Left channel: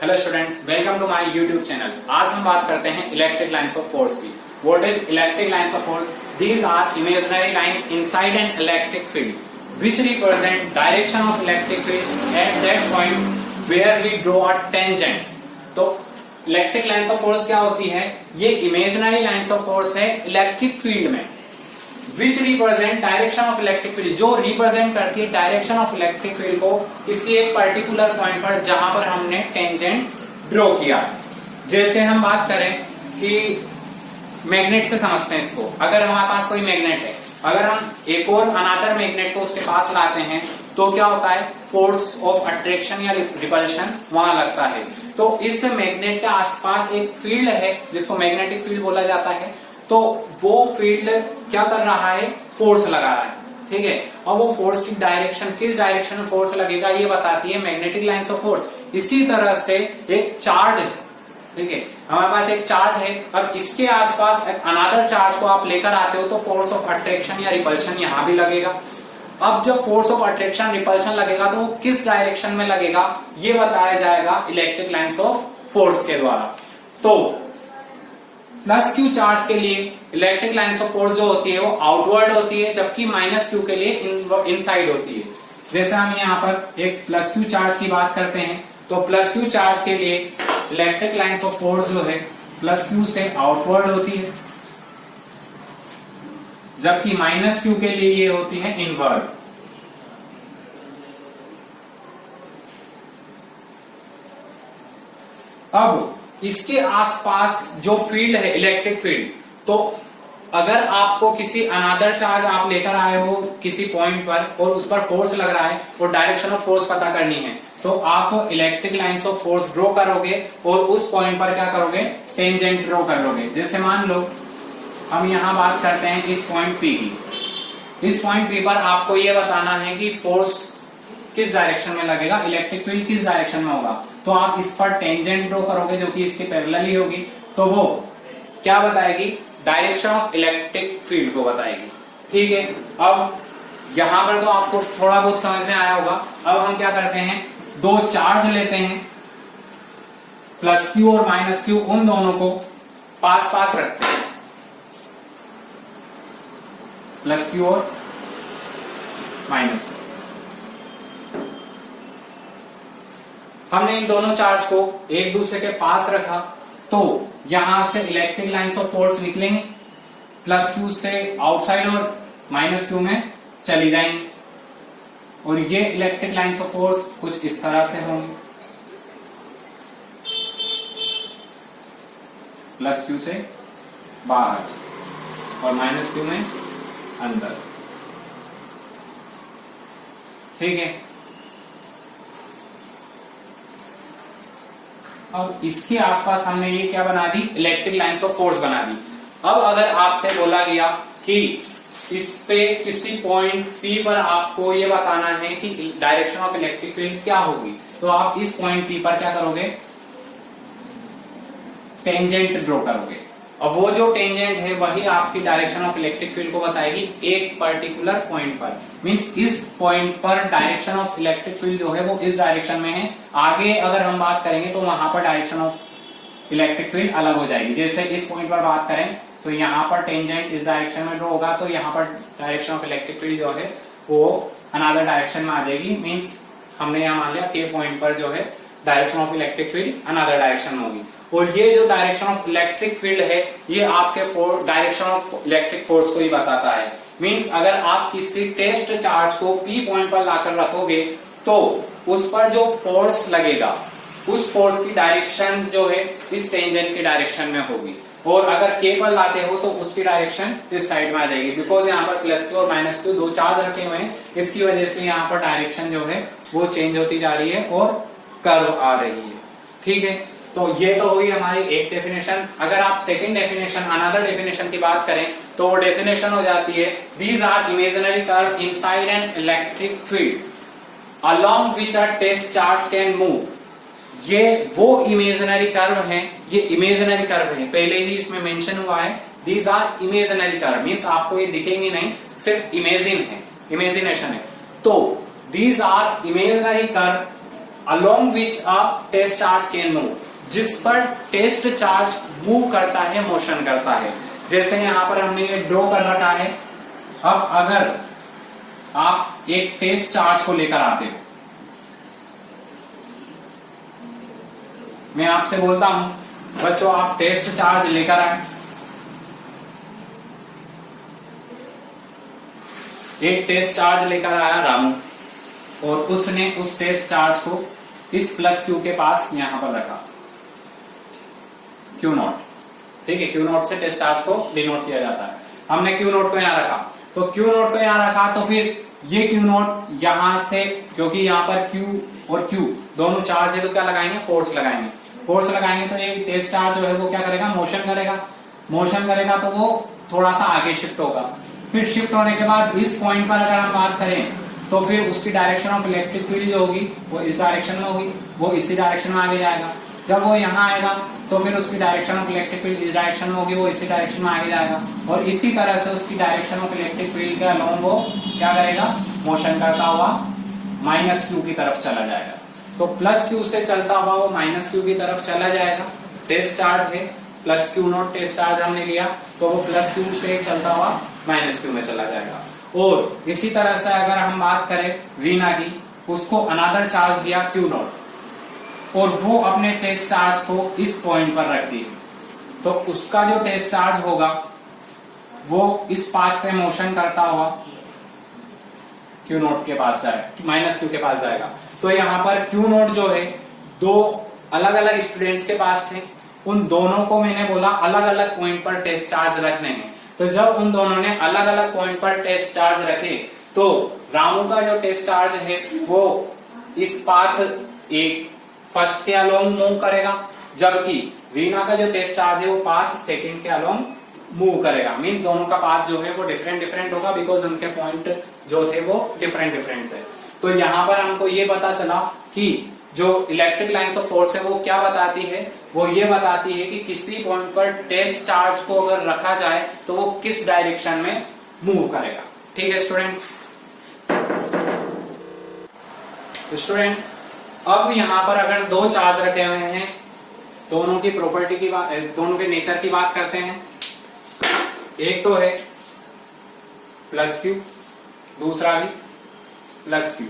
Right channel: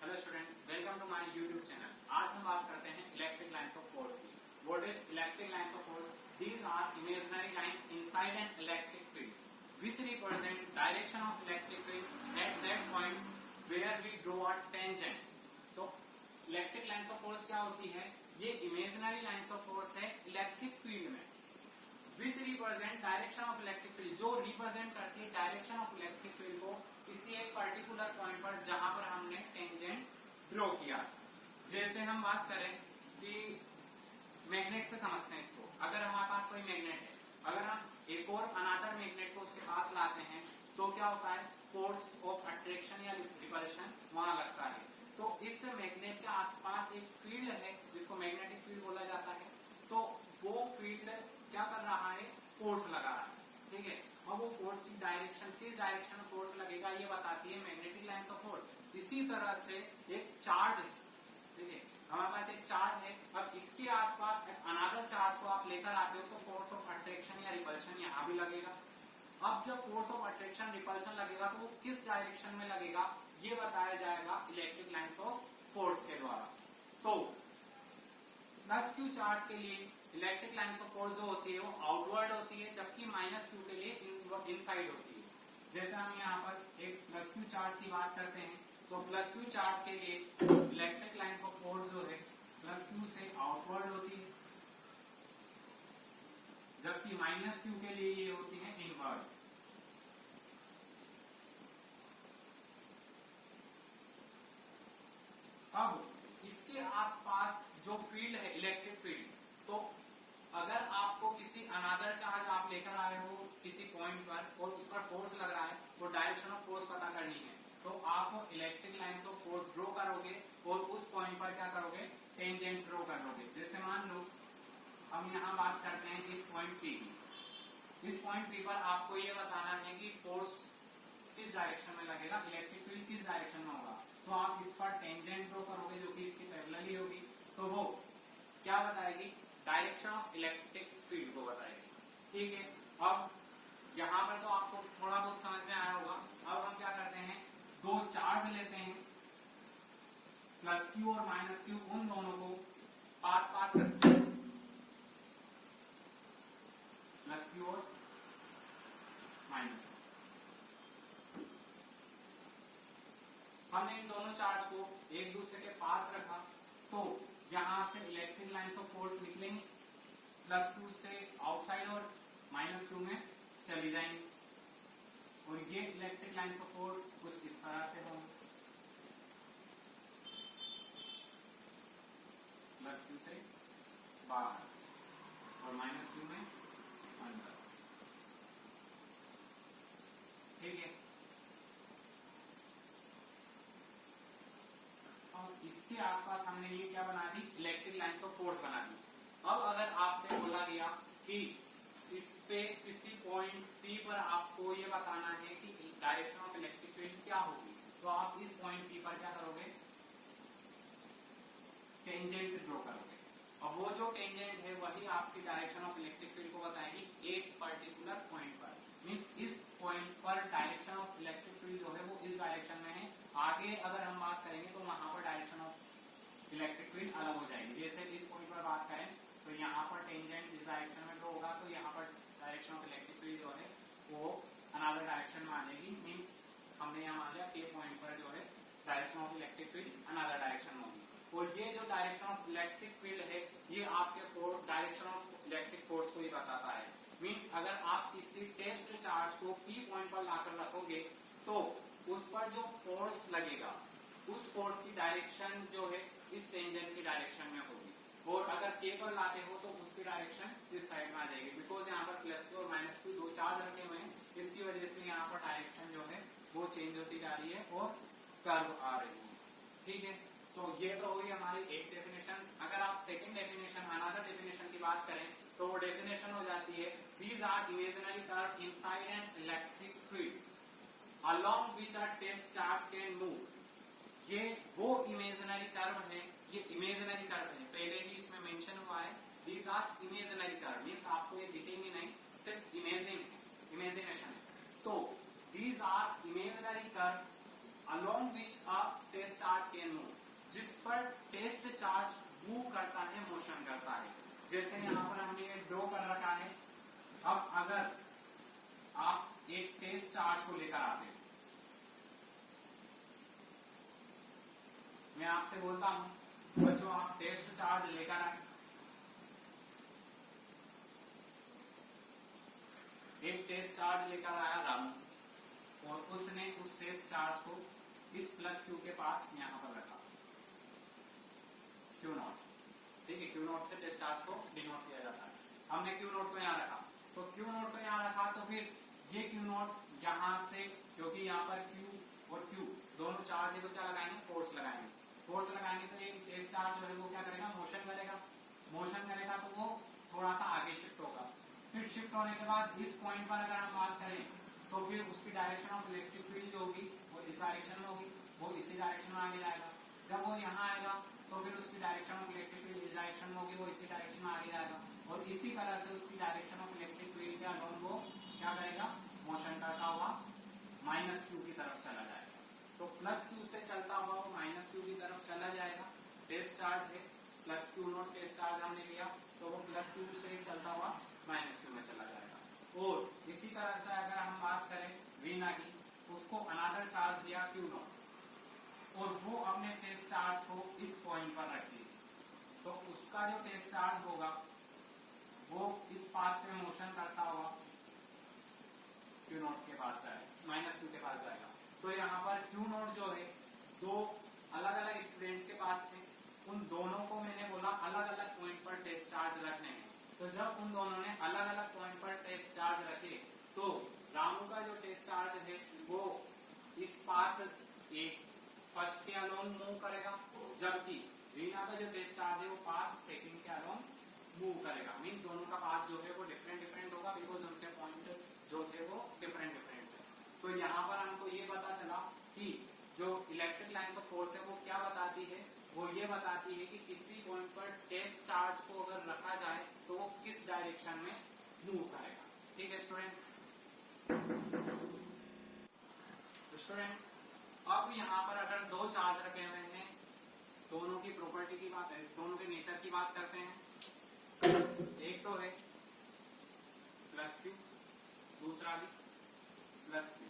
Hello students, welcome to my YouTube channel. आज हम बात करते हैं इलेक्ट्रिक लाइंस ऑफ फोर्स की। What is electric lines of force? These are imaginary lines inside an electric field which represent direction of electric field at that point where we draw a tangent. तो electric lines of force क्या होती है? ये imaginary lines of force है electric field में, which represent direction of electric field, जो represent करती है डायरेक्शन ऑफ इलेक्ट्रिक फील्ड को किसी एक पर्टिकुलर पॉइंट पर जहां पर हमने टेंजेंट ड्रॉ किया। जैसे हम बात करें कि मैग्नेट से समझते हैं इसको। अगर हमारे पास कोई मैग्नेट है, अगर हम एक और अनादर मैग्नेट को उसके पास लाते हैं तो क्या होता है? फोर्स ऑफ अट्रैक्शन या रिपल्शन वहां लगता है। तो इस मैग्नेट के आसपास एक फील्ड है जिसको मैग्नेटिक फील्ड बोला जाता है। तो वो फील्ड क्या कर रहा है? फोर्स लगा रहा है, ठीक है। और वो फोर्स की डायरेक्शन, किस डायरेक्शन में फोर्स लगेगा, ये बताती है मैग्नेटिक लाइंस ऑफ फोर्स। इसी तरह से एक चार्ज है, ठीक है, हमारे पास एक चार्ज है। अब इसके आसपास एक अनादर चार्ज को आप लेकर आते हो तो फोर्स ऑफ अट्रैक्शन या रिपल्शन यहां भी लगेगा। अब जब फोर्स ऑफ अट्रैक्शन रिपल्शन लगेगा तो वो किस डायरेक्शन में लगेगा, ये बताया जाएगा इलेक्ट्रिक लाइंस ऑफ फोर्स के द्वारा। तो प्लस क्यू चार्ज के लिए इलेक्ट्रिक लाइंस ऑफ फोर्स जो होती है वो आउटवर्ड होती है, जबकि माइनस क्यू के लिए इनसाइड होती है। जैसे हम यहाँ पर एक प्लस क्यू चार्ज की बात करते हैं तो प्लस क्यू चार्ज के लिए इलेक्ट्रिक लाइंस ऑफ फोर्स जो है प्लस क्यू से आउटवर्ड होती है, जबकि माइनस क्यू के लिए ये होती है इनवर्ड। अब इसके आसपास जो फील्ड है इलेक्ट्रिक फील्ड, तो अगर आपको किसी अनादर चार्ज आप लेकर आए हो किसी पॉइंट पर और उस पर फोर्स लग रहा है और डायरेक्शन ऑफ फोर्स पता करनी है तो आप electric lines of force draw करोगे और उस पॉइंट पर क्या करोगे? टेंजेंट ड्रॉ कर लोगे। जैसे मान लो हम यहां बात करते हैं इस पॉइंट पी की। इस पॉइंट पी पर आपको यह बताना है कि फोर्स किस डायरेक्शन में लगेगा, इलेक्ट्रिक फील्ड किस डायरेक्शन में होगा। तो आप इस पर टेंजेंट ड्रॉ करोगे जो कि इसके पैरेलल ही होगी। तो वो क्या बताएगी? डायरेक्शन ऑफ इलेक्ट्रिक फील्ड को बताएगी, ठीक है। अब यहां पर तो आपको थोड़ा बहुत समझ में आया होगा। अब हम क्या करते हैं, दो चार्ज लेते हैं, प्लस क्यू और माइनस क्यू, उन दोनों को पास पास रखते हैं, प्लस क्यू और माइनस क्यू। हमने इन दोनों चार्ज को एक दूसरे के पास रखा तो यहां से इलेक्ट्रिक लाइंस ऑफ फोर्स निकलेंगे, प्लस क्यू से आउटसाइड और माइनस क्यू में चली जाएंगी। और ये इलेक्ट्रिक लाइंस ऑफ फोर्स कुछ इस तरह से होंगी, प्लस क्यू से बाहर और माइनस क्यू में अंदर, ठीक है। अब इसके आसपास हमने ये क्या बना दी? इलेक्ट्रिक लाइंस ऑफ फोर्स बना दी। अब अगर आपसे बोला गया कि इस पे किसी पॉइंट P पर आपको ये बताना है कि डायरेक्शन ऑफ इलेक्ट्रिक फील्ड क्या होगी, तो आप इस पॉइंट P पर क्या करोगे? टेंजेंट ड्रॉ करोगे। और वो जो टेंजेंट है वही आपकी डायरेक्शन ऑफ इलेक्ट्रिक फील्ड को बताएगी एक पर्टिकुलर पॉइंट पर। मींस इस पॉइंट पर डायरेक्शन ऑफ इलेक्ट्रिक फील्ड जो है वो इस डायरेक्शन में है। आगे अगर हम बात करेंगे तो वहां पर डायरेक्शन ऑफ इलेक्ट्रिक फील्ड अलग हो जाएगी। जैसे इस पॉइंट पर बात करें तो यहाँ पर टेंजेंट इस डायरेक्शन में ड्रॉ होगा, तो यहाँ पर डायरेक्शन ऑफ इलेक्ट्रिक फील्ड जो है वो अनदर डायरेक्शन में आ जाएगी। मीन्स हमने यहाँ मान लिया के पॉइंट पर जो है direction of electric field another direction में होगी। और ये जो डायरेक्शन ऑफ इलेक्ट्रिक फील्ड है ये आपके डायरेक्शन ऑफ इलेक्ट्रिक फोर्स को ही बताता है। मींस अगर आप किसी टेस्ट चार्ज को P पॉइंट पर लाकर रखोगे तो उस पर जो फोर्स लगेगा उस फोर्स की डायरेक्शन जो है इस टेंजेंट की डायरेक्शन में होगी। और अगर K पर लाते हो तो उसकी डायरेक्शन इस साइड में आ जाएगी। बिकॉज यहाँ पर प्लस क्यू और माइनस क्यू दो चार्ज रखे हुए हैं, इसकी वजह से यहाँ पर डायरेक्शन जो है वो चेंज होती जा रही है और कर्व आ रही है, ठीक है। तो ये तो हुई हमारी एक डेफिनेशन। अगर आप सेकंड डेफिनेशन, अनदर डेफिनेशन की बात करें तो वो डेफिनेशन हो जाती है these are imaginary curve inside an electric field along which a test charge can move. ये वो इमेजिनरी कर्व हैं, ये इमेजिनरी कर्व है, पहले ही इसमें मेंशन हुआ है these are imaginary curve. Means आपको ये दिखेंगे नहीं, सिर्फ इमेजिन है, इमेजिनेशन है। तो these are imaginary curve along which a test charge can move, जिस पर टेस्ट चार्ज मूव करता है, मोशन करता है। जैसे यहां पर हमने ये ड्रॉ कर रखा है। अब अगर आप एक टेस्ट चार्ज को लेकर आते हो, मैं आपसे बोलता हूं बच्चों आप टेस्ट चार्ज लेकर आए, एक टेस्ट चार्ज लेकर आया रामू, और उसने उस टेस्ट चार्ज को इस प्लस क्यू के पास यहां पर रखा, क्यू नॉट, ठीक है। क्यू नॉट से टेस्ट चार्ज को डिनोट किया जाता है। हमने क्यू नॉट को यहां रखा, तो क्यू नॉट को यहां रखा, तो फिर ये क्यू नॉट यहां से, क्योंकि यहां पर क्यू और क्यू दोनों चार्ज है, तो क्या लगाएंगे, फोर्स लगाएंगे। फोर्स लगाएंगे तो ये टेस्ट चार्ज जो है वो क्या करेगा, मोशन करेगा। मोशन करेगा तो वो थोड़ा सा आगे शिफ्ट होगा। फिर शिफ्ट होने के बाद इस पॉइंट पर अगर हम बात करें तो फिर उसकी डायरेक्शन ऑफ इलेक्ट्रिक फील्ड जो होगी वो इस डायरेक्शन में होगी, वो इसी डायरेक्शन में आगे जाएगा। जब वो यहाँ आएगा तो फिर उसकी डायरेक्शन ऑफ इलेक्ट्रिक फील्ड इस डायरेक्शन में होगी, वो इसी डायरेक्शन में आगे जाएगा, और इसी तरह से उसकी डायरेक्शन ऑफ इलेक्ट्रिक फील्ड के अलोंग वो क्या करेगा, मोशन करता हुआ माइनस क्यू की तरफ चला जाएगा। तो प्लस क्यू से चलता हुआ वो माइनस क्यू की तरफ चला जाएगा। टेस्ट चार्ज है plus Q naught, test charge हमने लिया, तो वो प्लस क्यू से चलता हुआ माइनस क्यू में चला जाएगा। और इसी तरह से अगर हम बात करें रीना की, उसको अनदर चार्ज दिया क्यू नॉट, और वो अपने टेस्ट चार्ज को इस पॉइंट पर रख दी, तो उसका जो टेस्ट चार्ज होगा वो इस पाथ पे मोशन करता हुआ क्यू नॉट के पास जाएगा, माइनस क्यू के पास जाएगा। तो यहाँ पर क्यू नॉट जो है दो अलग अलग स्टूडेंट्स के पास थे, उन दोनों को मैंने बोला अलग अलग पॉइंट पर टेस्ट चार्ज रखने हैं। तो जब उन दोनों ने अलग अलग पॉइंट पर टेस्ट चार्ज रखे, तो रामू का जो टेस्ट चार्ज है वो इस पाथ एक फर्स्ट के अलोंग मूव करेगा, जबकि रीना का जो टेस्ट चार्ज है वो पाथ सेकंड के अलोंग मूव करेगा। मीन दोनों का पाथ जो है वो डिफरेंट डिफरेंट होगा, बिकॉज उनके पॉइंट जो थे वो डिफरेंट डिफरेंट थे। तो यहाँ पर हमको ये पता चला कि जो इलेक्ट्रिक लाइन्स ऑफ फोर्स है वो क्या बताती है, वो ये बताती है कि किसी पॉइंट पर टेस्ट चार्ज को अगर रखा जाए तो वो किस डायरेक्शन में मूव करेगा। ठीक है स्टूडेंट्स। अब यहाँ पर अगर दो चार्ज रखे हुए हैं, दोनों की प्रॉपर्टी की बात, दोनों के नेचर की बात करते हैं। एक तो है प्लस क्यू, दूसरा भी प्लस क्यू।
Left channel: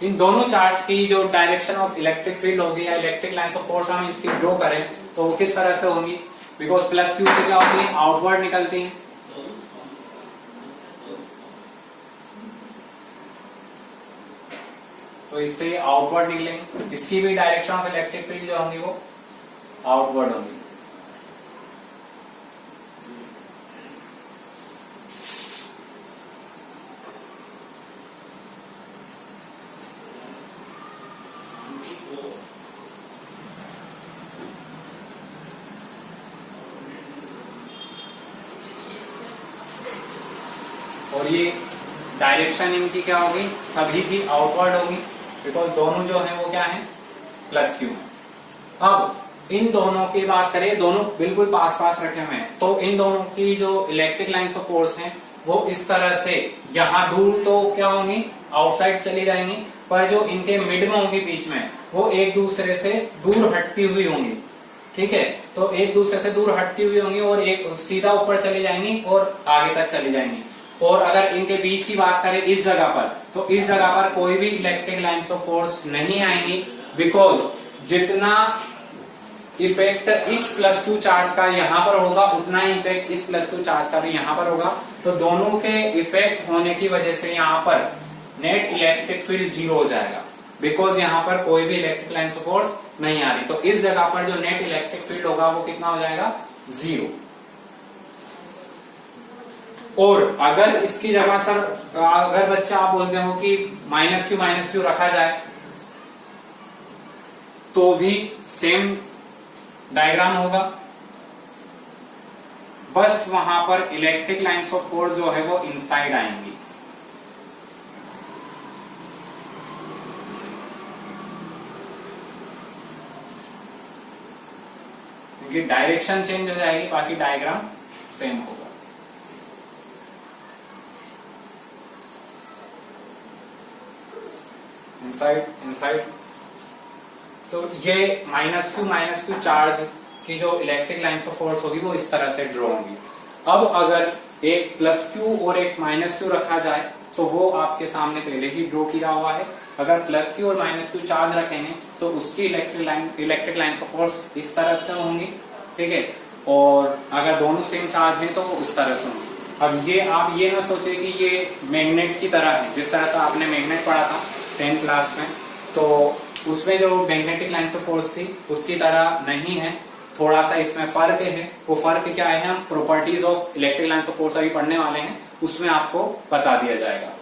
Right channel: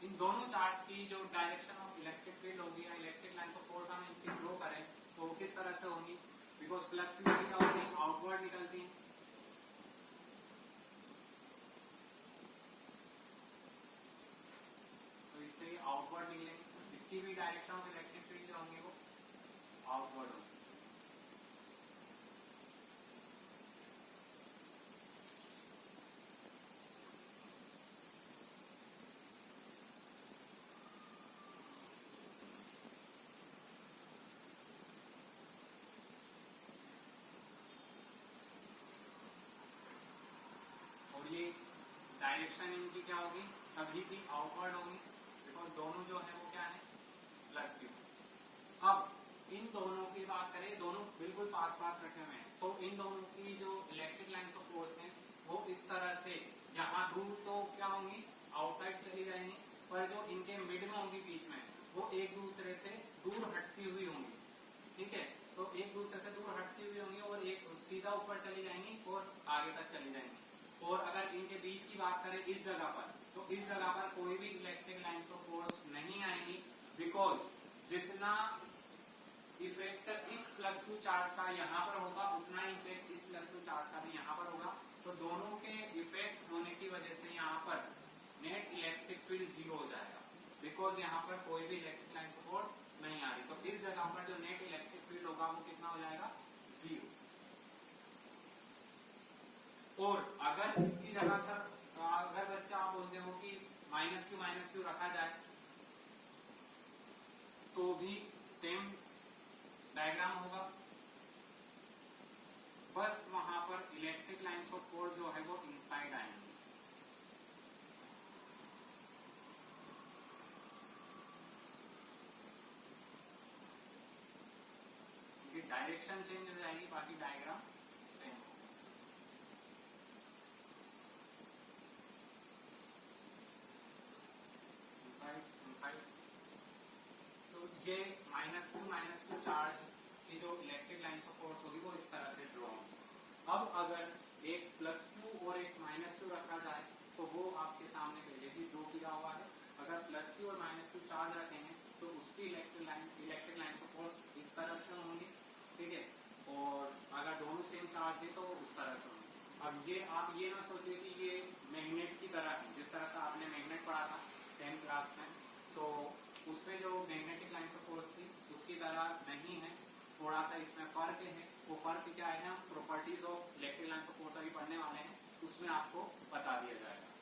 इन दोनों चार्ज की जो डायरेक्शन ऑफ इलेक्ट्रिक फील्ड होगी या इलेक्ट्रिक लाइन्स ऑफ फोर्स हम इसकी ड्रॉ करें तो वो किस तरह से होंगी, बिकॉज प्लस क्यू से क्या होती है, आउटवर्ड निकलती है, तो इससे आउटवर्ड निकलेंगे। इसकी भी डायरेक्शन ऑफ इलेक्ट्रिक फील्ड जो होंगी वो आउटवर्ड होंगी। और ये डायरेक्शन इनकी क्या होगी, सभी की आउटवर्ड होगी, बिकॉज दोनों जो है वो क्या है, प्लस क्यू है। अब इन दोनों की बात करें, दोनों बिल्कुल पास पास रखे हुए हैं, तो इन दोनों की जो इलेक्ट्रिक लाइन्स ऑफ फोर्स हैं वो इस तरह से यहाँ दूर तो क्या होंगी, आउटसाइड चली जाएंगी, पर जो इनके मिड में होंगी बीच में, वो एक दूसरे से दूर हटती हुई होंगी। ठीक है, तो एक दूसरे से दूर हटती हुई होंगी और एक सीधा ऊपर चली जाएंगी और आगे तक चली जाएंगी। और अगर इनके बीच की बात करें इस जगह पर, तो इस जगह पर कोई भी इलेक्ट्रिक लाइन्स ऑफ फोर्स नहीं आएंगी, बिकॉज जितना इफेक्ट इस प्लस टू चार्ज का यहाँ पर होगा उतना ही इफेक्ट इस प्लस टू चार्ज का भी यहाँ पर होगा। तो दोनों के इफेक्ट होने की वजह से यहाँ पर नेट इलेक्ट्रिक फील्ड 0 हो जाएगा, बिकॉज यहाँ पर कोई भी इलेक्ट्रिक लाइन्स ऑफ फोर्स नहीं आ रही। तो इस जगह पर जो नेट इलेक्ट्रिक फील्ड होगा वो कितना हो जाएगा, 0। और अगर इसकी जगह सर, अगर बच्चा आप बोलते हो कि माइनस क्यू रखा जाए तो भी सेम डायग्राम होगा, बस वहां पर इलेक्ट्रिक लाइन्स ऑफ फोर्स जो है वो इनसाइड आएंगी। क्योंकि डायरेक्शन चेंज हो जाएगी, बाकी डायग्राम सेम होगा। इनसाइड। तो ये माइनस क्यू चार्ज की जो इलेक्ट्रिक लाइन्स ऑफ फोर्स होगी वो इस तरह से ड्रॉ होंगी। अब अगर एक प्लस क्यू और एक माइनस क्यू रखा जाए तो वो आपके सामने पहले ही ड्रॉ किया हुआ है। अगर प्लस क्यू और माइनस क्यू चार्ज रखेंगे तो उसकी इलेक्ट्रिक लाइन्स ऑफ फोर्स इस तरह से होंगी, ठीक है। और अगर दोनों सेम चार्ज है तो वो उस तरह से होंगी। अब ये आप ये ना सोचे कि ये मैग्नेट की तरह है, जिस तरह से आपने मैग्नेट पढ़ा था 10th क्लास में, तो उसमें जो मैग्नेटिक लाइन्स ऑफ फोर्स थी उसकी तरह नहीं है, थोड़ा सा इसमें फर्क है। वो फर्क क्या है, हम properties of electric lines of force अभी पढ़ने वाले हैं, उसमें आपको बता दिया जाएगा।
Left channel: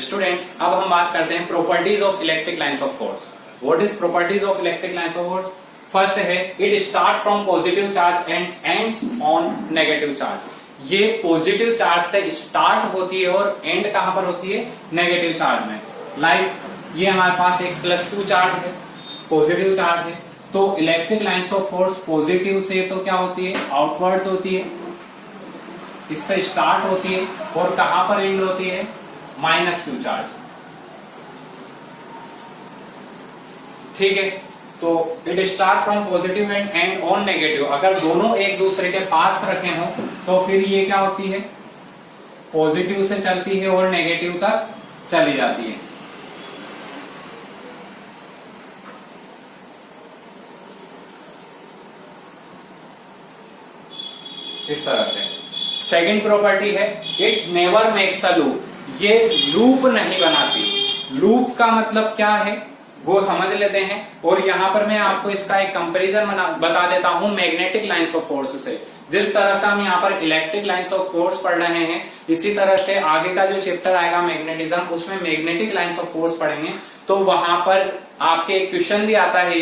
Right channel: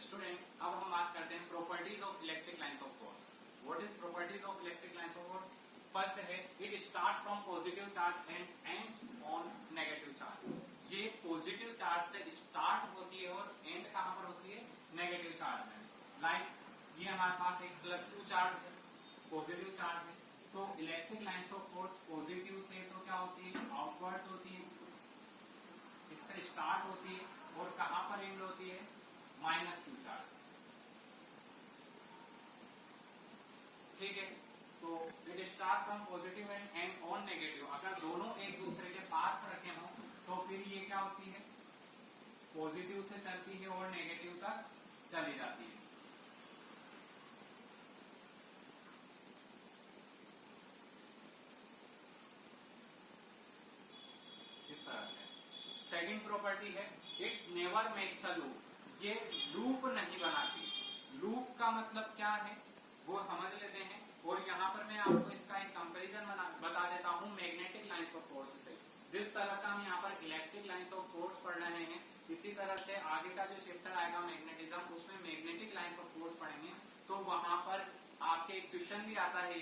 स्टूडेंट्स, अब हम बात करते हैं properties of electric lines of force. What is properties of electric lines of force? First है, it start from positive charge and ends on negative charge. ये पॉजिटिव चार्ज से स्टार्ट होती है और एंड कहां पर होती है? नेगेटिव चार्ज में। लाइक ये हमारे पास एक प्लस क्यू चार्ज है, पॉजिटिव चार्ज है, तो electric lines of force positive से तो क्या होती है? आउटवर्ड्स होती है, इससे स्टार्ट होती है और कहां पर एंड होती है? माइनस क्यू चार्ज, ठीक है। तो it start from positive and and on negative. अगर दोनों एक दूसरे के पास रखे हो तो फिर ये क्या होती है? पॉजिटिव से चलती है और नेगेटिव तक चली जाती है। इस तरह से। सेकंड प्रॉपर्टी है, it never makes a loop. ये लूप नहीं बनाती। लूप का मतलब क्या है वो समझ लेते हैं, और यहां पर मैं आपको इसका एक कंपैरिजन बता देता हूं मैग्नेटिक लाइन्स ऑफ फोर्स से। जिस तरह से हम यहाँ पर इलेक्ट्रिक लाइन्स ऑफ फोर्स पढ़ रहे हैं, इसी तरह से आगे का जो चैप्टर आएगा मैग्नेटिज्म, उसमें मैग्नेटिक लाइन्स ऑफ फोर्स पढ़ेंगे। तो वहां पर आपके क्वेश्चन भी आता है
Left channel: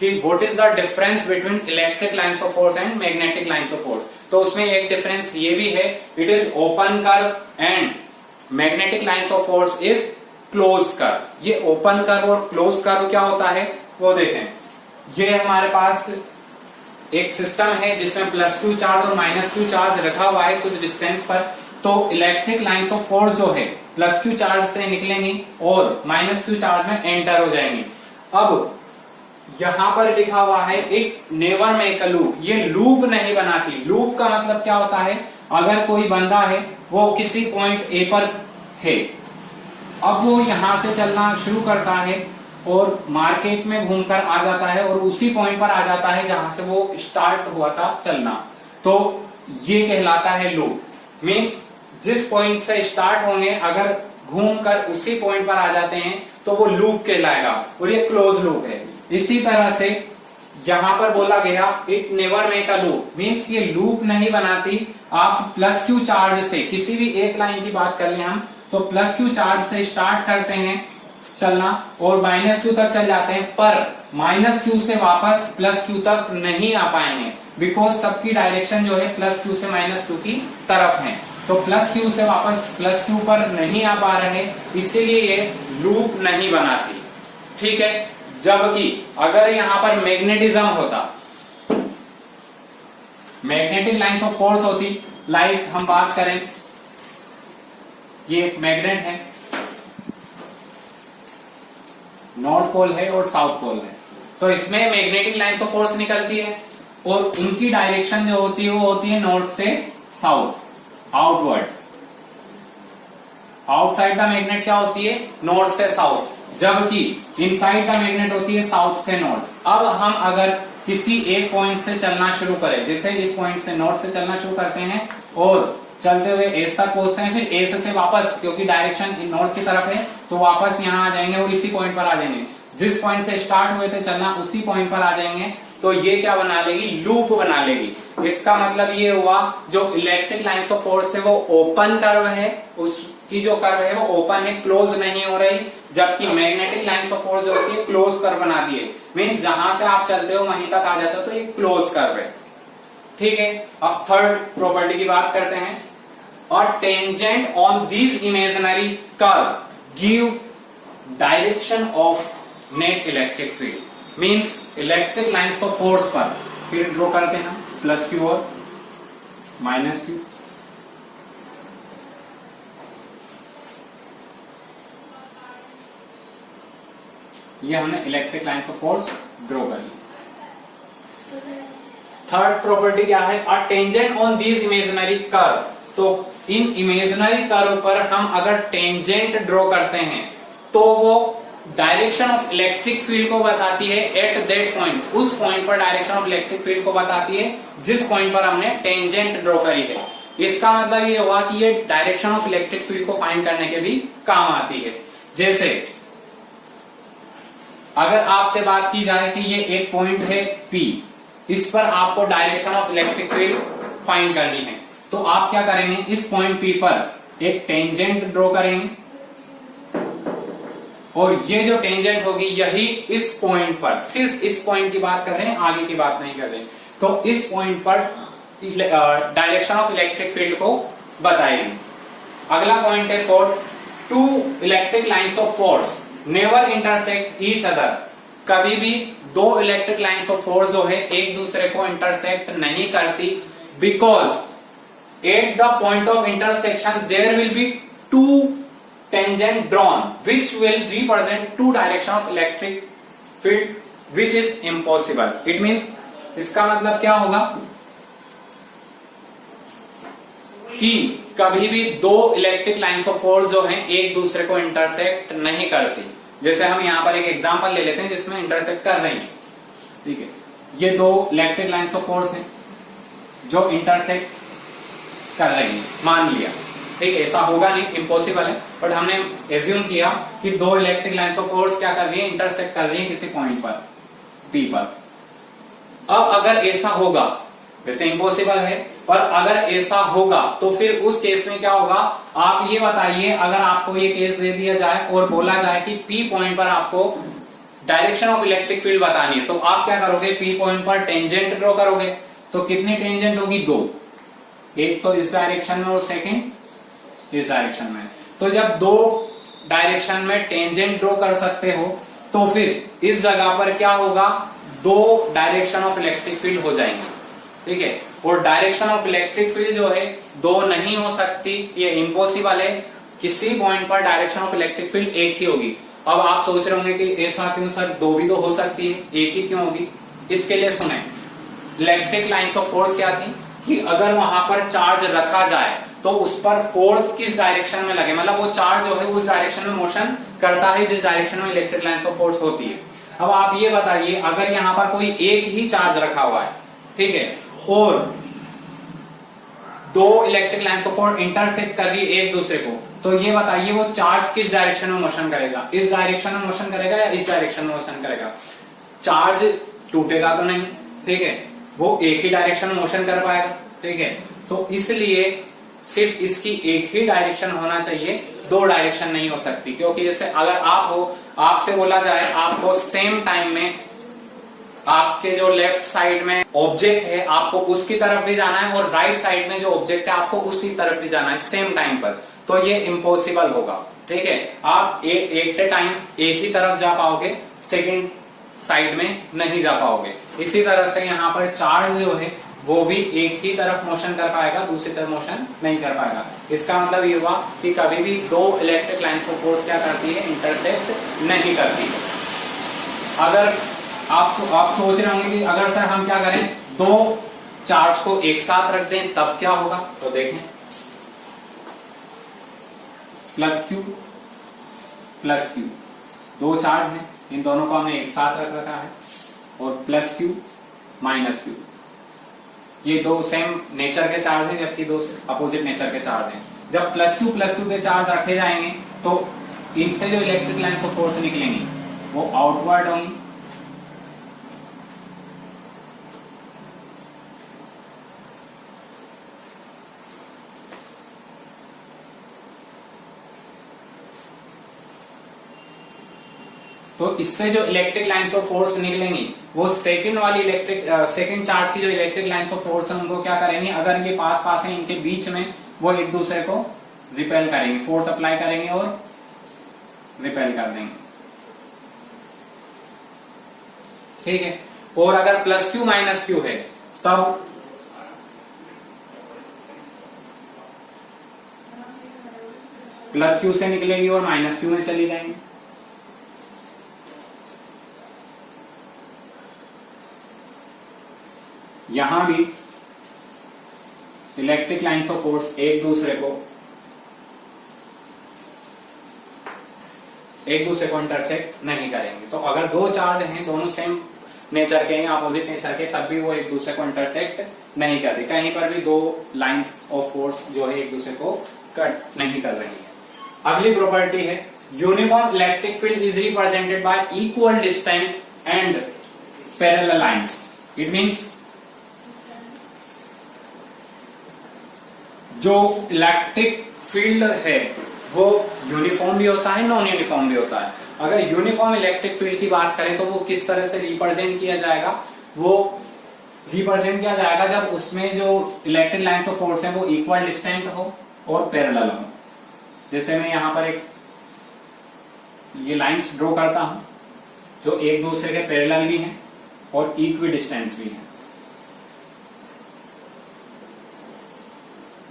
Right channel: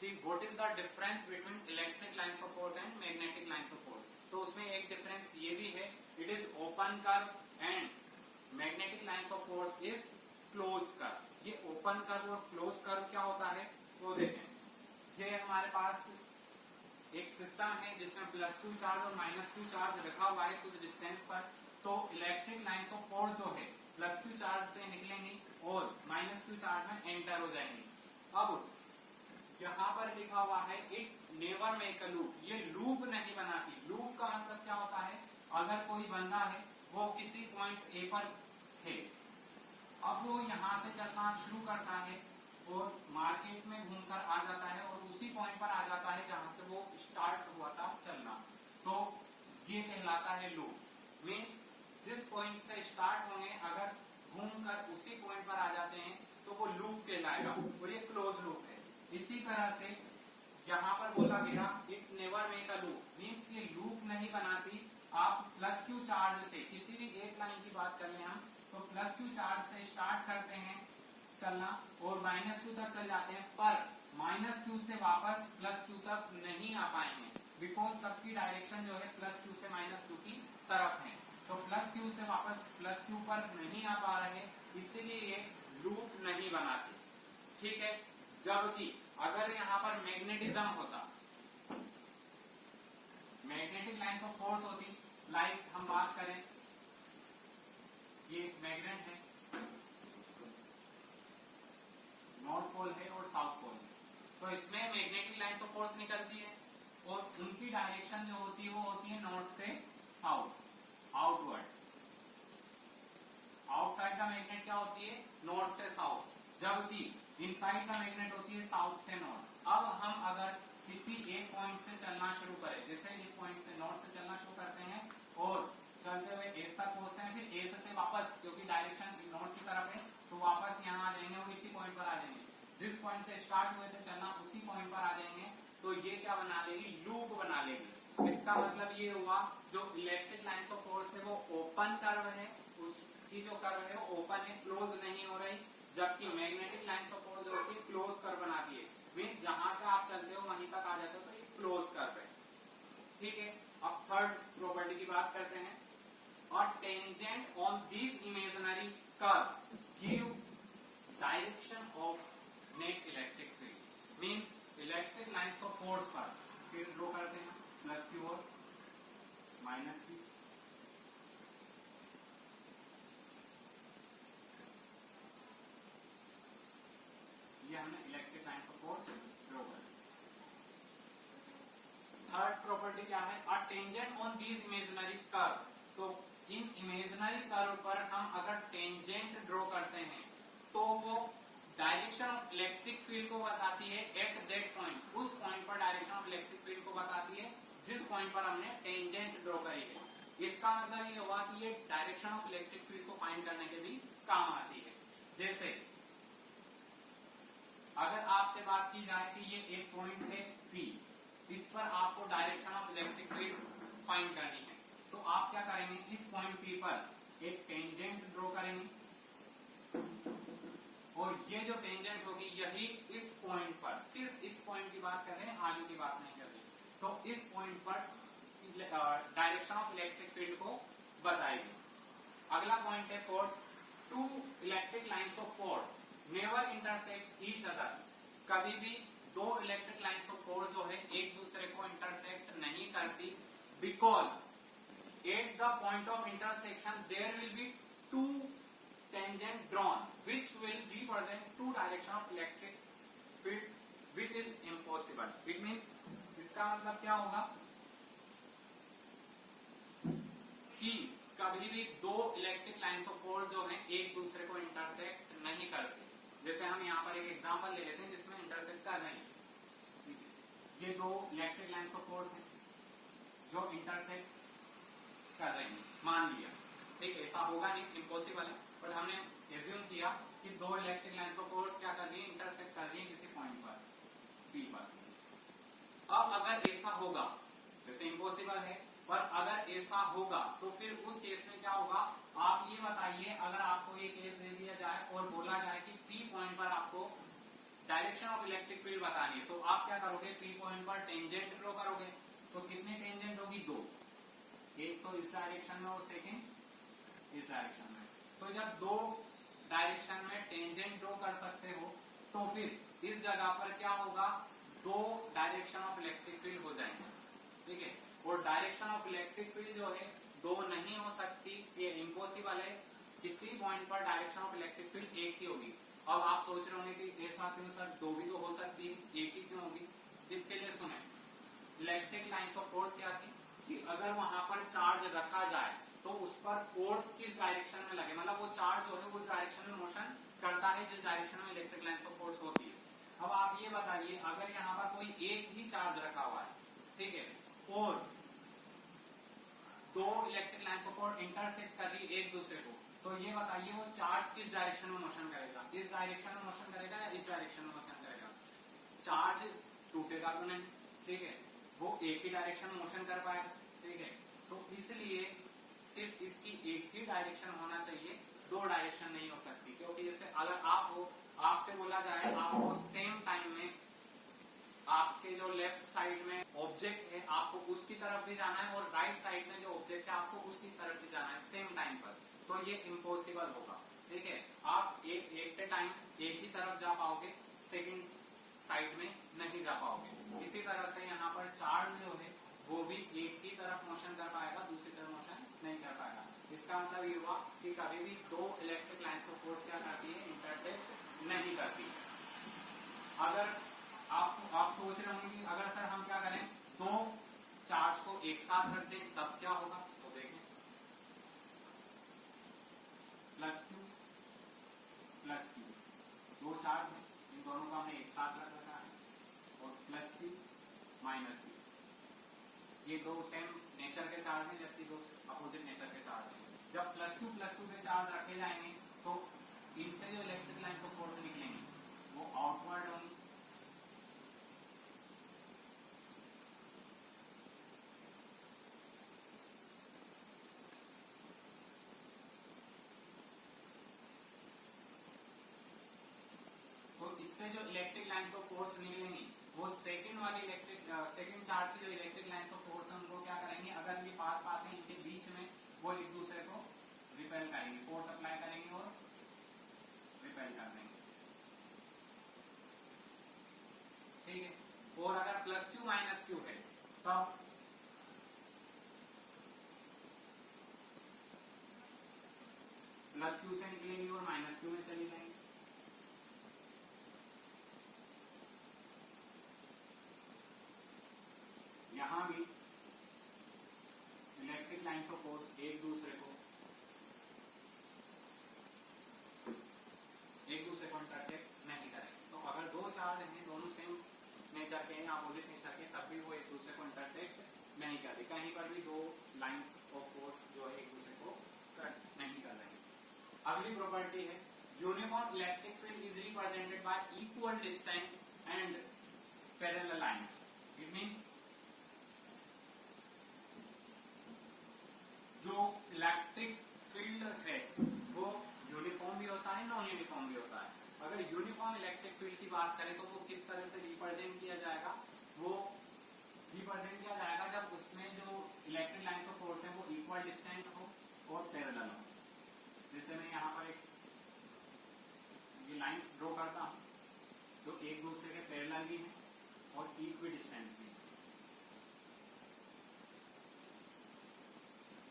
कि what is the difference between electric lines of force and magnetic lines of force. तो उसमें एक डिफरेंस ये भी है, it is open curve and magnetic lines of force is close curve. ये ओपन कर्व और क्लोज कर्व क्या होता है वो देखें। ये हमारे पास एक सिस्टम है जिसमें प्लस क्यू चार्ज और माइनस क्यू चार्ज रखा हुआ है कुछ डिस्टेंस पर। तो इलेक्ट्रिक लाइन्स ऑफ फोर्स जो है प्लस क्यू चार्ज से निकलेंगी और माइनस क्यू चार्ज में एंटर हो जाएंगी। अब यहां पर लिखा हुआ है it never make a loop. ये लूप नहीं बनाती। लूप का मतलब क्या होता है? अगर कोई बंदा है वो किसी पॉइंट ए पर है, अब वो यहां से चलना शुरू करता है और मार्केट में घूमकर आ जाता है और उसी पॉइंट पर आ जाता है जहां से वो स्टार्ट हुआ था चलना, तो ये कहलाता है लूप। मींस जिस पॉइंट से स्टार्ट होंगे अगर घूमकर उसी पॉइंट पर आ जाते हैं तो वो लूप कहलाएगा और ये क्लोज लूप है। इसी तरह से यहां पर बोला गया it never make a loop, means ये लूप नहीं बनाती। आप प्लस क्यू चार्ज से किसी भी एक लाइन की बात कर लें हम, तो प्लस क्यू चार्ज से स्टार्ट करते हैं चलना और माइनस क्यू तक चल जाते हैं, पर माइनस क्यू से वापस प्लस क्यू तक नहीं आ पाएंगे, बिकॉज सबकी डायरेक्शन जो है प्लस क्यू से माइनस क्यू की तरफ है। तो प्लस क्यू से वापस प्लस क्यू पर नहीं आ पा रहे, इसीलिए ये लूप नहीं बनाती, ठीक है। जबकि अगर यहां पर मैग्नेटिज्म होता, मैग्नेटिक लाइन्स ऑफ फोर्स होती, लाइक हम बात करें ये एक मैग्नेट है, नॉर्थ पोल है और साउथ पोल है, तो इसमें मैग्नेटिक लाइन्स ऑफ फोर्स निकलती है और उनकी डायरेक्शन जो होती है वो होती है नॉर्थ से south, outward. Outside the magnet क्या होती है? नॉर्थ से साउथ, जबकि इनसाइड द मैग्नेट होती है साउथ से नॉर्थ। अब हम अगर किसी एक पॉइंट से चलना शुरू करें, जैसे इस पॉइंट से नॉर्थ से चलना शुरू करते हैं और चलते हुए एस तक पहुंचते हैं, फिर एस से वापस, क्योंकि डायरेक्शन नॉर्थ की तरफ है, तो वापस यहाँ आ जाएंगे और इसी पॉइंट पर आ जाएंगे। जिस पॉइंट से स्टार्ट हुए थे चलना उसी पॉइंट पर आ जाएंगे, तो ये क्या बना लेगी? लूप बना लेगी। इसका मतलब ये हुआ जो इलेक्ट्रिक लाइन्स ऑफ फोर्स है वो ओपन कर्व है, उसकी जो कर्व है वो ओपन है, क्लोज नहीं हो रही, जबकि मैग्नेटिक लाइन्स ऑफ फोर्स जो होती है क्लोज कर्व बनाती है। मीन्स जहां से आप चलते हो वहीं तक आ जाते हो, तो ये क्लोज कर्व है, ठीक है। अब थर्ड प्रॉपर्टी की बात करते हैं। और tangent on this imaginary curve give direction of net electric field. Means electric lines of force पर फील्ड ड्रॉ करते हैं प्लस क्यू और माइनस क्यू। ये हमने electric lines of force draw कर ली। थर्ड प्रॉपर्टी क्या है, a tangent on these imaginary curve. तो इन इमेजिनरी कर्व पर हम अगर टेंजेंट ड्रॉ करते हैं तो वो डायरेक्शन ऑफ इलेक्ट्रिक फील्ड को बताती है एट दैट पॉइंट, उस पॉइंट पर डायरेक्शन ऑफ इलेक्ट्रिक फील्ड को बताती है जिस पॉइंट पर हमने टेंजेंट ड्रॉ करी है। इसका मतलब ये हुआ कि ये डायरेक्शन ऑफ इलेक्ट्रिक फील्ड को फाइंड करने के भी काम आती है। जैसे अगर आपसे बात की जाए कि ये एक पॉइंट है P, इस पर आपको direction of electric field find करनी है, तो आप क्या करेंगे, इस पॉइंट P पर एक टेंजेंट ड्रॉ करेंगे और ये जो टेंजेंट होगी यही इस पॉइंट पर, सिर्फ इस पॉइंट की बात कर रहे हैं, आगे की बात नहीं कर रहे हैं, तो इस पॉइंट पर डायरेक्शन ऑफ इलेक्ट्रिक फील्ड को बताएगी। अगला पॉइंट है fourth, two electric lines of force never intersect each other. कभी भी दो इलेक्ट्रिक लाइन्स ऑफ फोर्स जो है एक दूसरे को इंटरसेक्ट नहीं करती, because at the point of intersection there will be two tangent drawn which will represent two direction of electric field which is impossible. It means इसका मतलब क्या होगा कि कभी भी दो इलेक्ट्रिक लाइन्स ऑफ फोर्स जो हैं एक दूसरे को इंटरसेक्ट नहीं करती। जैसे हम यहां पर एक एग्जांपल ले लेते हैं जिसमें इंटरसेक्ट कर रही है, ठीक है, ये दो इलेक्ट्रिक लाइन्स ऑफ फोर्स हैं जो इंटरसेक्ट कर रही है, मान लिया, ठीक है, ऐसा होगा नहीं, इम्पॉसिबल है, बट हमने एज्यूम किया कि दो इलेक्ट्रिक लाइन्स ऑफ फोर्स क्या कर रही है, इंटरसेक्ट कर रही है किसी पॉइंट पर P पर। अब अगर ऐसा होगा, वैसे इम्पॉसिबल है, पर अगर ऐसा होगा तो फिर उस केस में क्या होगा, आप ये बताइए, अगर आपको ये केस दे दिया जाए और बोला जाए कि P पॉइंट पर आपको डायरेक्शन ऑफ इलेक्ट्रिक फील्ड बतानी है, तो आप क्या करोगे, P पॉइंट पर टेंजेंट ड्रॉ करोगे, तो कितनी टेंजेंट होगी, दो, एक तो इस डायरेक्शन में और सेकेंड इस डायरेक्शन में। तो जब दो डायरेक्शन में टेंजेंट ड्रॉ कर सकते हो तो फिर इस जगह पर क्या होगा, दो डायरेक्शन ऑफ इलेक्ट्रिक फील्ड हो जाएंगे, ठीक है, और डायरेक्शन ऑफ इलेक्ट्रिक फील्ड जो है दो नहीं हो सकती, ये इम्पॉसिबल है, किसी पॉइंट पर डायरेक्शन ऑफ इलेक्ट्रिक फील्ड एक ही होगी। अब आप सोच रहे होंगे कि ऐसा क्यों सर, दो भी तो हो सकती है, एक ही क्यों होगी? इसके लिए सुने, इलेक्ट्रिक लाइन्स ऑफ फोर्स क्या थी कि अगर वहां पर चार्ज रखा जाए तो उस पर फोर्स किस डायरेक्शन में लगे, मतलब वो चार्ज जो है उस डायरेक्शन में मोशन करता है जिस डायरेक्शन में इलेक्ट्रिक लाइन्स ऑफ फोर्स होती है। अब आप ये बताइए, अगर यहाँ पर कोई एक ही चार्ज रखा हुआ है, ठीक है, और दो electric lines of force intersect कर रही है एक दूसरे को, तो ये बताइए वो चार्ज किस डायरेक्शन में मोशन करेगा, इस डायरेक्शन में मोशन करेगा या इस डायरेक्शन में मोशन करेगा? चार्ज टूटेगा तो नहीं, ठीक है, वो एक ही डायरेक्शन में मोशन कर पाएगा, ठीक है, तो इसलिए सिर्फ इसकी एक ही डायरेक्शन होना चाहिए, दो डायरेक्शन नहीं हो सकती, क्योंकि जैसे अगर आप हो, आपसे बोला जाए आपको सेम टाइम में आपके जो लेफ्ट साइड में ऑब्जेक्ट है आपको उसकी तरफ भी जाना है और राइट साइड में जो ऑब्जेक्ट है आपको उसी तरफ भी जाना है सेम टाइम पर, तो ये इम्पॉसिबल होगा, ठीक है, आप एक टाइम एक ही तरफ जा पाओगे, सेकेंड साइड में नहीं जा पाओगे। इसी तरह से यहाँ पर चार्ज जो है वो भी एक ही तरफ मोशन कर पाएगा, दूसरी तरफ मोशन नहीं कर पाएगा। इसका मतलब ये हुआ कि कभी भी दो इलेक्ट्रिक लाइन्स ऑफ फोर्स क्या करती है, इंटरसेक्ट नहीं करती। अगर आप सोच रहे होंगे कि अगर सर हम क्या करें, दो चार्ज को एक साथ रख दें तब क्या होगा, तो देखें, प्लस क्यू, दो चार्ज हैं, इन दोनों को हमने एक साथ रख रखा है, और प्लस क्यू माइनस क्यू, ये दो सेम नेचर के चार्ज हैं जबकि दो अपोजिट नेचर के चार्ज हैं। जब प्लस क्यू के चार्ज रखे जाएंगे तो इनसे जो इलेक्ट्रिक लाइन्स ऑफ फोर्स निकलेंगी वो आउटवर्ड होंगी, तो इससे जो इलेक्ट्रिक लाइन्स ऑफ फोर्स निकलेंगी वो सेकंड वाली सेकंड चार्ज की जो इलेक्ट्रिक लाइन्स ऑफ फोर्स है उनको क्या करेंगे, अगर इनके पास है, इनके बीच में वो एक दूसरे को रिपेल करेंगे, फोर्स अप्लाई करेंगे और रिपेल कर देंगे, ठीक है। और अगर प्लस क्यू माइनस क्यू है तब प्लस क्यू से निकलेगी और माइनस क्यू में चली जाएंगी, यहां भी इलेक्ट्रिक लाइन्स ऑफ फोर्स एक दूसरे को इंटरसेक्ट नहीं करेंगे। तो अगर दो चार्ज हैं दोनों सेम नेचर के या अपोजिट नेचर के, तब भी वो एक दूसरे को इंटरसेक्ट नहीं करते। कहीं पर भी दो लाइंस ऑफ फोर्स जो है एक दूसरे को कट नहीं कर रही है। अगली प्रॉपर्टी है uniform electric field is represented y equal distance and parallel lines. It means जो इलेक्ट्रिक फील्ड है वो यूनिफॉर्म भी होता है, नॉन यूनिफॉर्म भी होता है। अगर यूनिफॉर्म इलेक्ट्रिक फील्ड की बात करें तो वो किस तरह से रिप्रेजेंट किया जाएगा? वो रिप्रेजेंट किया जाएगा जब उसमें जो इलेक्ट्रिक लाइन्स ऑफ फोर्स है वो इक्वल डिस्टेंट हो और पैरेलल हो। जैसे मैं यहां पर एक ये लाइंस ड्रॉ करता हूं जो एक दूसरे के पैरेलल भी हैं और इक्वी डिस्टेंस भी है।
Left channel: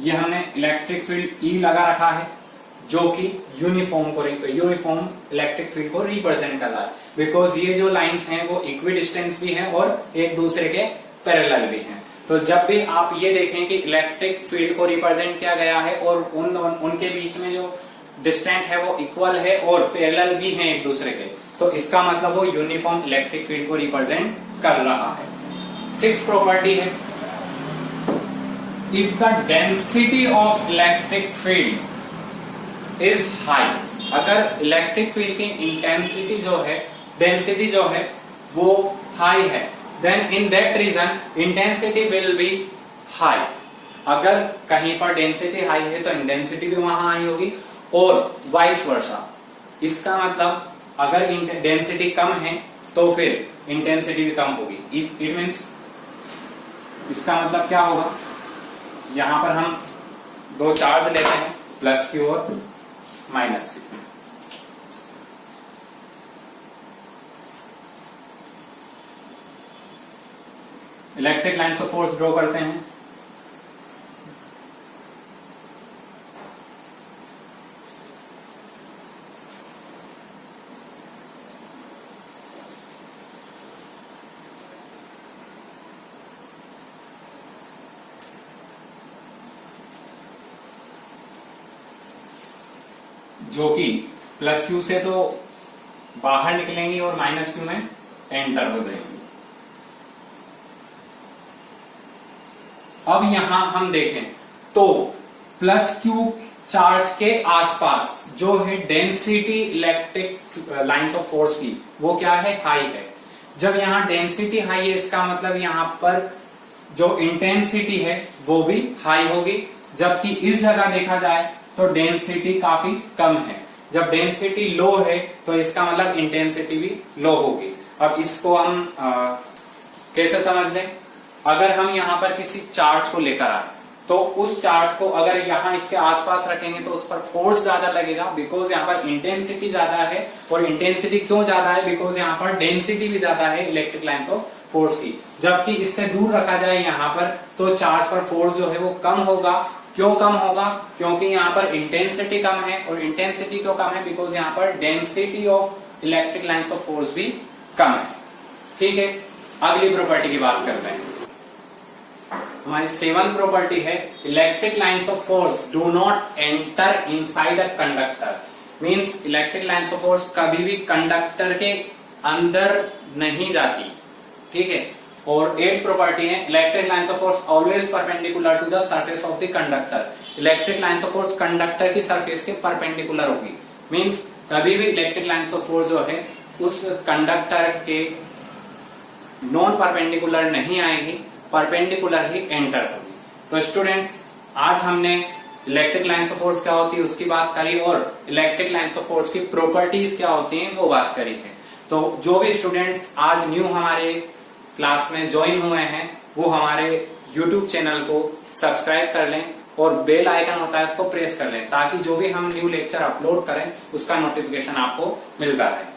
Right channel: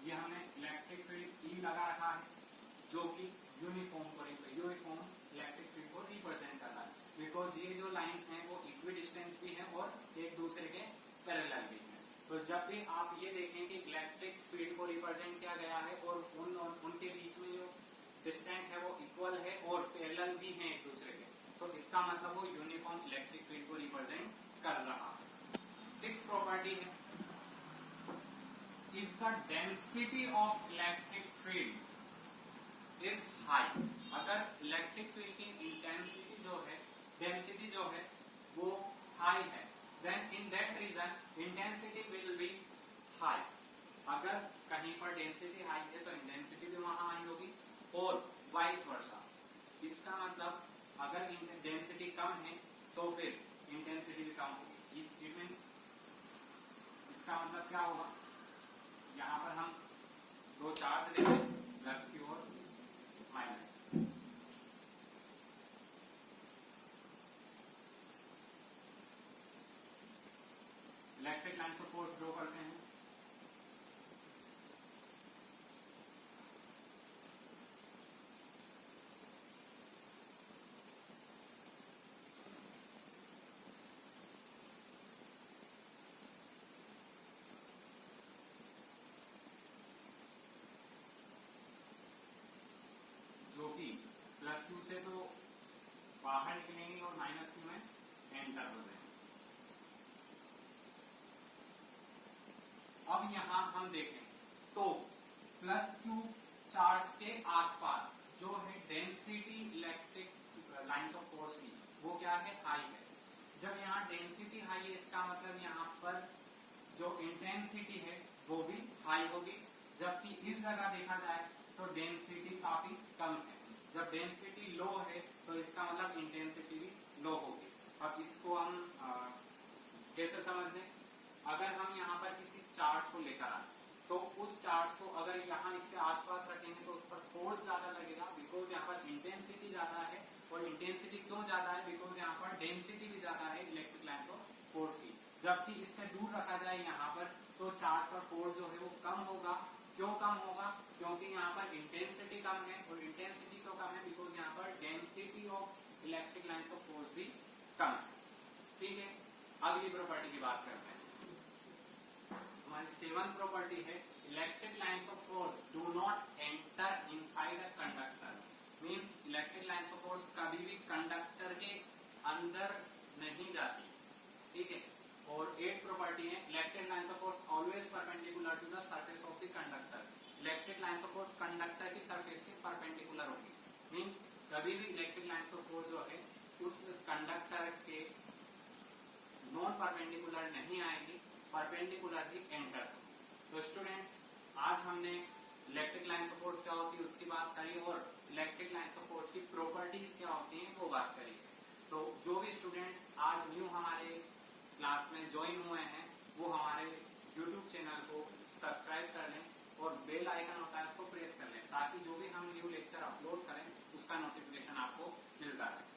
ये हमने इलेक्ट्रिक फील्ड ई लगा रखा है जो कि यूनिफॉर्म इलेक्ट्रिक फील्ड को रिप्रेजेंट कर रहा है, बिकॉज ये जो लाइंस हैं वो इक्वी डिस्टेंस भी हैं और एक दूसरे के पैरेलल भी हैं। तो जब भी आप ये देखें कि इलेक्ट्रिक फील्ड को रिप्रेजेंट किया गया है और उनके बीच में जो डिस्टेंस है वो इक्वल है और पैरेलल भी हैं एक दूसरे के, तो इसका मतलब वो यूनिफॉर्म इलेक्ट्रिक फील्ड को रिप्रेजेंट कर रहा है। 6th प्रॉपर्टी है if the density of electric field is high. अगर इलेक्ट्रिक फील्ड की इंटेंसिटी जो है, डेंसिटी जो है वो हाई है, then in that region intensity will be high. अगर कहीं पर डेंसिटी हाई है तो इंटेंसिटी भी वहां हाई होगी और वाइस वर्सा। इसका मतलब अगर डेंसिटी कम है तो फिर इंटेंसिटी भी कम होगी। इट मीन्स इसका मतलब क्या होगा? यहां पर हम दो चार्ज लेते हैं प्लस क्यू और minus Q. Electric lines of force draw करते हैं। जो कि प्लस क्यू से तो बाहर निकलेंगी और माइनस क्यू में एंटर हो जाएंगी। अब यहां हम देखें तो प्लस क्यू चार्ज के आसपास जो है density electric lines of force की वो क्या है? हाई है। जब यहां डेंसिटी हाई है इसका मतलब यहां पर जो इंटेंसिटी है वो भी हाई होगी, जबकि इस जगह देखा जाए तो डेंसिटी काफी कम है। जब डेंसिटी लो है तो इसका मतलब इंटेंसिटी भी लो होगी। अब इसको हम कैसे समझ लें? अगर हम यहां पर किसी चार्ज को लेकर आए तो उस चार्ज को अगर यहां इसके आसपास रखेंगे तो उस पर फोर्स ज्यादा लगेगा, बिकॉज यहां पर इंटेंसिटी ज्यादा है। और इंटेंसिटी क्यों ज्यादा है? बिकॉज यहां पर डेंसिटी भी ज्यादा है इलेक्ट्रिक लाइन्स ऑफ फोर्स की। जबकि इससे दूर रखा जाए यहां पर तो चार्ज पर फोर्स जो है वो कम होगा। क्यों कम होगा? क्योंकि यहाँ पर इंटेंसिटी कम है। और इंटेंसिटी क्यों कम है? बिकॉज यहाँ पर density of electric lines of force भी कम है। ठीक है, अगली प्रॉपर्टी की बात करते हैं। हमारी 7th प्रॉपर्टी है electric lines of force do not enter inside a conductor. Means electric lines of force कभी भी कंडक्टर के अंदर नहीं जाती। ठीक है। और 8th प्रॉपर्टी है electric lines of force always perpendicular to the surface of the conductor. Electric lines of force conductor की सरफेस के परपेंडिकुलर होगी। मींस कभी भी इलेक्ट्रिक लाइन्स ऑफ फोर्स जो है उस कंडक्टर के नॉन परपेंडिकुलर नहीं आएगी, परपेंडिकुलर ही एंटर होगी। तो स्टूडेंट्स, आज हमने इलेक्ट्रिक लाइन्स ऑफ फोर्स क्या होती है उसकी बात करी और इलेक्ट्रिक लाइन्स ऑफ फोर्स की प्रॉपर्टीज क्या होती हैं वो बात करी है। तो जो भी स्टूडेंट्स आज न्यू हमारे क्लास में ज्वाइन हुए हैं वो हमारे YouTube चैनल को सब्सक्राइब कर लें और बेल आइकन होता है उसको प्रेस कर लें, ताकि जो भी हम न्यू लेक्चर अपलोड करें उसका नोटिफिकेशन आपको मिलता रहे।